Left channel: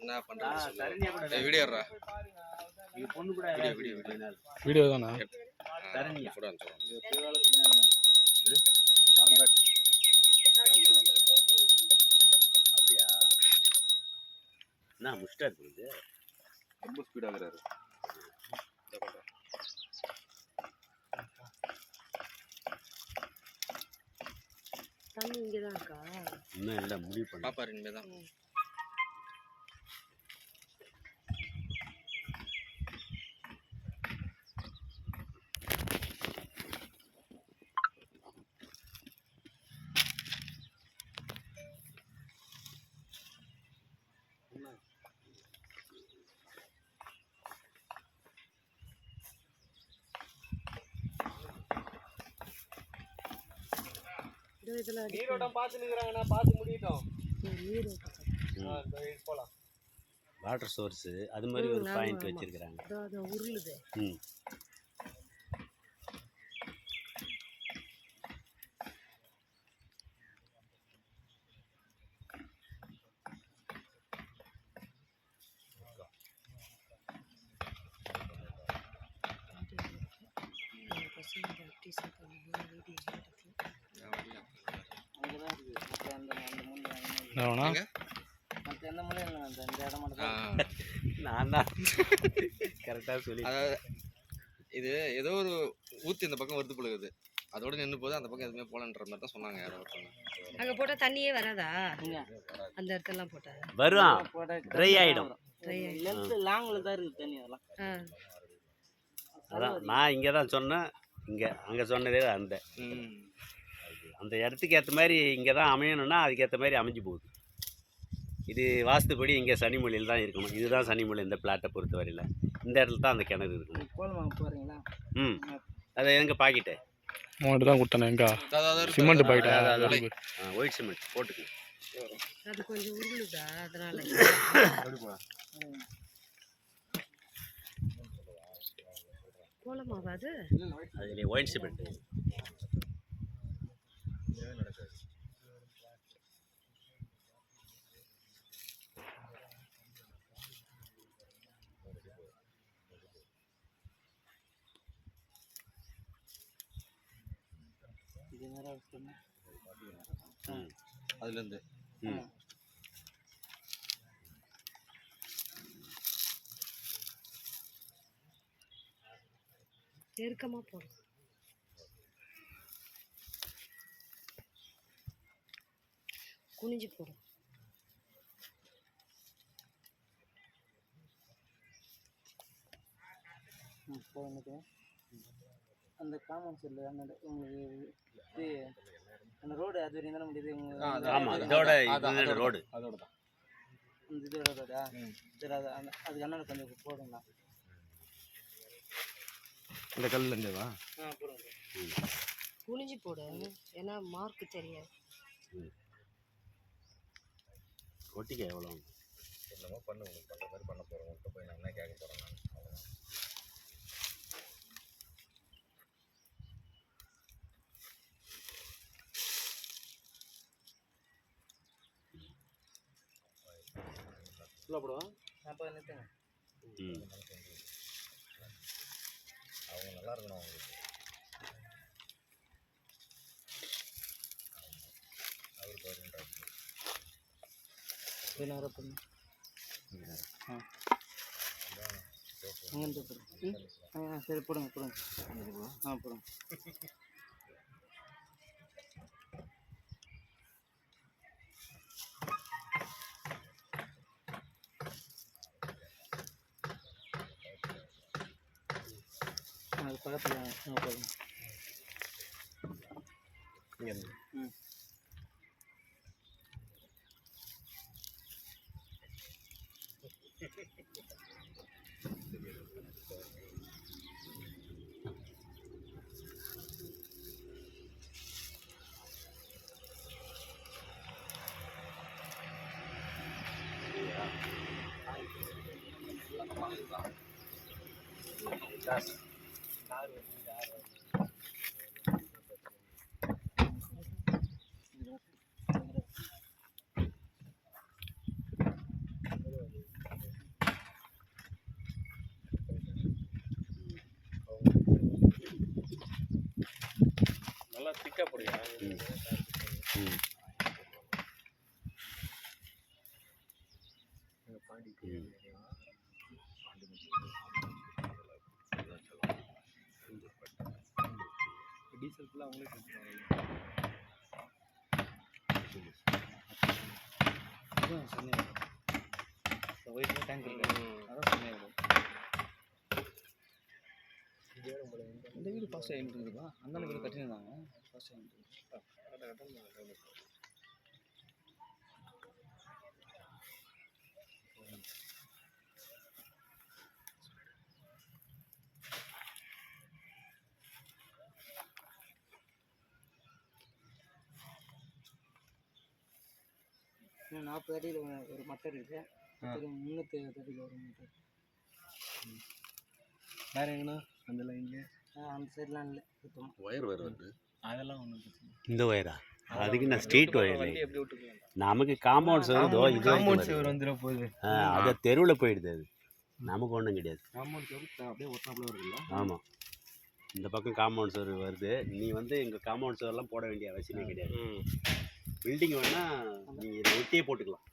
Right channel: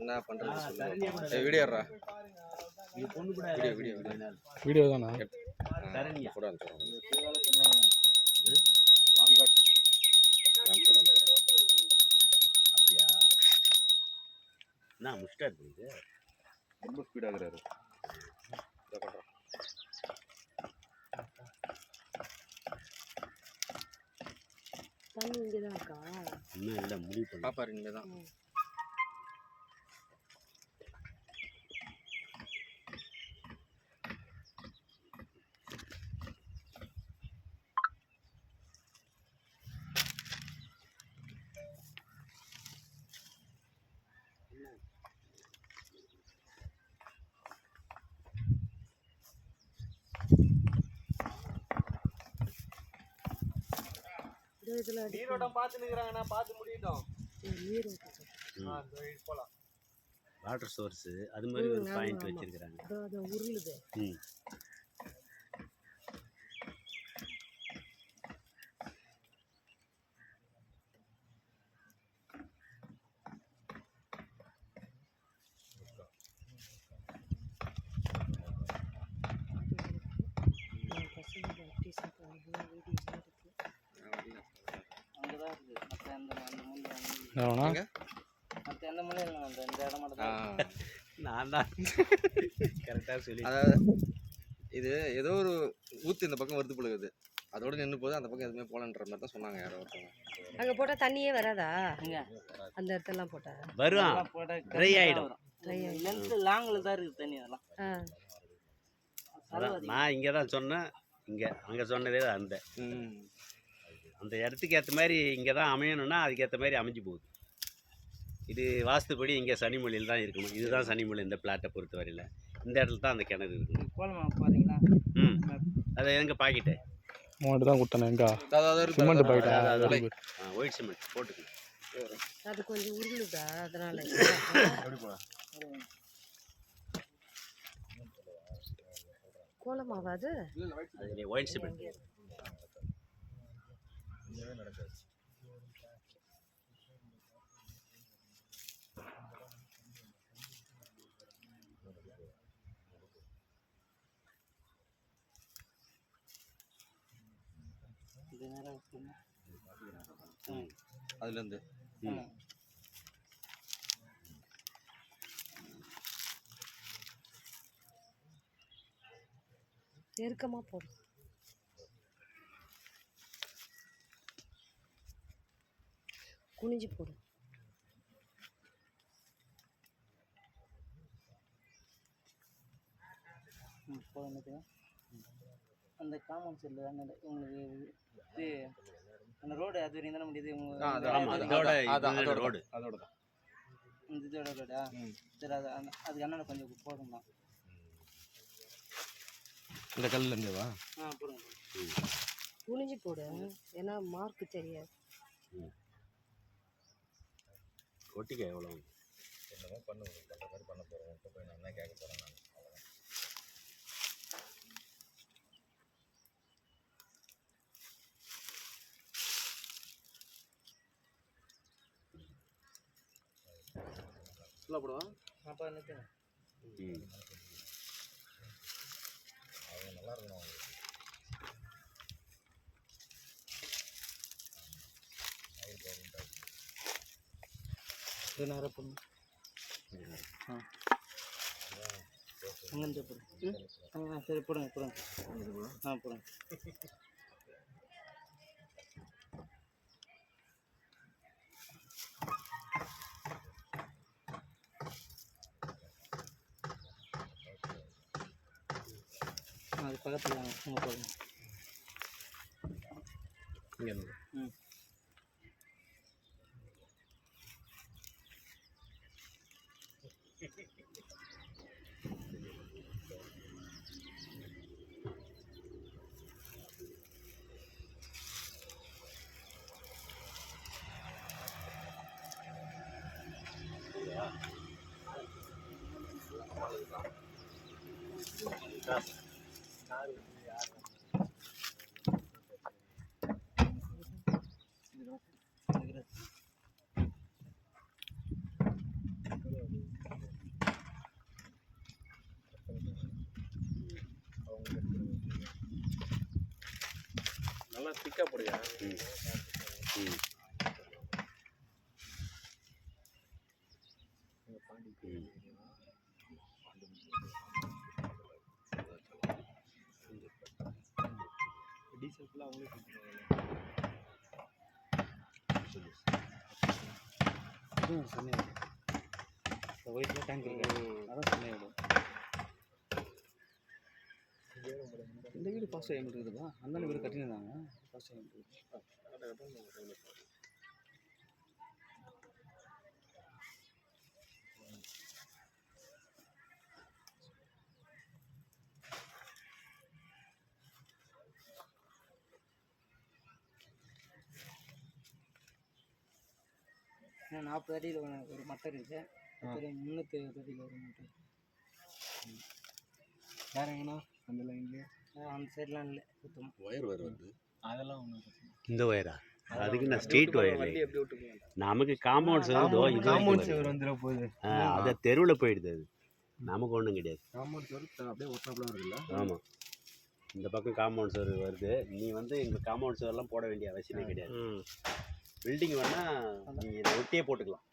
என்ன பண்றது வீடியோடா வீடியோ தானா போட அனுப்பிச்சுடுறோம். அப்படியா என்ன முஸ்டா இருக்குது ரொம்ப ஸ்பீட் ஆகுறாரு. தண்ணி இங்கே தான் இருக்கா? இன்னும் இல்லை முடிவு பண்ண பாப்பாரு இனிமேல் தான். நீரோட்டம் பார்த்து நிற்கிறாங்கண்ணா, பார்த்து முடியட்டும். போகலாம். வாட்டர் சோர்ஸு அது மாதிரி ஒரு பாயிண்ட் வச்சிருக்கிறாங்க. உருளுது. நான் தான் கரெக்டாக சொல்லி. அதாவது இது ஏதோ ஒரு ஊத்து இந்த பக்கம் வருது போடுது, அதோட நின்று போது அந்த பக்கம் எதுவுமே போலன்ற மாதிரி தான் சொன்னாங்க யாரோ ஒருத்தவங்க. அங்கே போட்டால் தண்ணியே வராதா? அந்த இடத்துலாம் போட்டால் வரும், ட்ரை ஆகிடும். லாங்கில் தான் இருக்குது தண்ணி. அதெல்லாம் நான் இங்கே தான் சொன்னேன், அங்கே சொன்னதே அந்த இடத்துக்கு ஏற்ற மாதிரி இங்கே தான் அமையணும்னா அதுக்கேற்ற மாதிரி அமைஞ்சு போகுது. இது வாஸ்துப்படி இங்கே சனிமொழியில் தான் இருக்கணும். இதுதான் சனிமொழி இந்த பிளாட்டை பொறுத்த வரையில். இந்த இடத்துல தான் அந்த கிணறு இருக்குது. போகிறீங்களா? அது எங்கள் பாக்கெட்டு அமௌண்ட் தான் கொடுத்தானே எங்க சிமெண்ட் பாக்கெட்டா? ஒயிட் சிமெண்ட் போட்டுக்கலாம். அது கொஞ்சம் உருளுதா, அதனால கோலமாவாது. அதில் ஒயிட் சிமெண்ட் அதுலேருந்து நெருக்கமாக போடும். குனிஞ்சு போடும். அந்த காமன் செல்லு உங்களுக்கு இது அந்த ரோடு அது வரையும் தானே முடியுது. ரோடு அதோட தான் இந்த இதோட ரோடா? சரி, அதுக்கு அண்ணன் கொஞ்சம் போடுங்களா? இந்த கல்லுலேருந்துவா? குனிஞ்சு போடு, ஏன்னா மார்க்கு தெரியாது. ஒட்டிக்க எவ்வளோ என்னமோ பண்ண மாதிரி பண்ண போகிறோம். போய் நான் என்ன கேட்க போகிறேன். ஃபுல்லாக போடுவான். அப்போ நிறுத்துங்க. அவங்க நல்லா இருக்கணும். அவங்களுக்கு இது நேரம் போடணும். அங்கேருந்து போடுங்க. சரி போடுங்க போடுங்க. போடுங்க. அது பக்கத்தில் போடுங்க. திக்கா போடுயா ம் ம் ம் டீசல் ஃபுல்லாக அவங்களே கொடுத்துருவாங்க டேங்க் இருக்கு அதான் சொன்னேன். இந்த வீடு ஃபாஸ்ட் டைம் இருக்குதுப்பா. அந்த வீடு கட்டினாங்க ஃபாஸ்ட் டைம் இருக்குது. இன்னும் 40 அடியில் ஒரு மட்டர் இருக்குது. ஒரு 370 அடியில் ஒரு மட்டர். வேறு எங்கண்ணா அந்த லைன்லேயே அந்த சைட்லாம் இல்லை சுத்தமாக. ஒயர் வேறு வருது. அதெல்லாம் ஒன்றும் இந்த ஒயரா அதுக்கு நான் ஸ்ட்ரீட் ஒயர் எப்படி விட்டுருக்கீங்க? நமக்கு காம்பவுண்ட் சேர் காம்பவுண்ட் சேவர் வந்துட போகுது. அதை தெருவில் போயிடுது அது நமக்கு ஒன்றும் கிடையாது. காம்பவுண்ட் சேர் அப்படியே ஒட்டாப்புல வருதுல்ல. ஆமாம் இந்த பக்கம் காம்பவுண்ட் சேர் வருது. நீ வந்து எங்கள் காம்பவுண்ட் சேர்லாம் போட வேண்டிய அவசியமே கிடையாது. பில்டிங் வேணால் நீங்கள் இதை ஒட்டியே போட்டுக்கலாம்.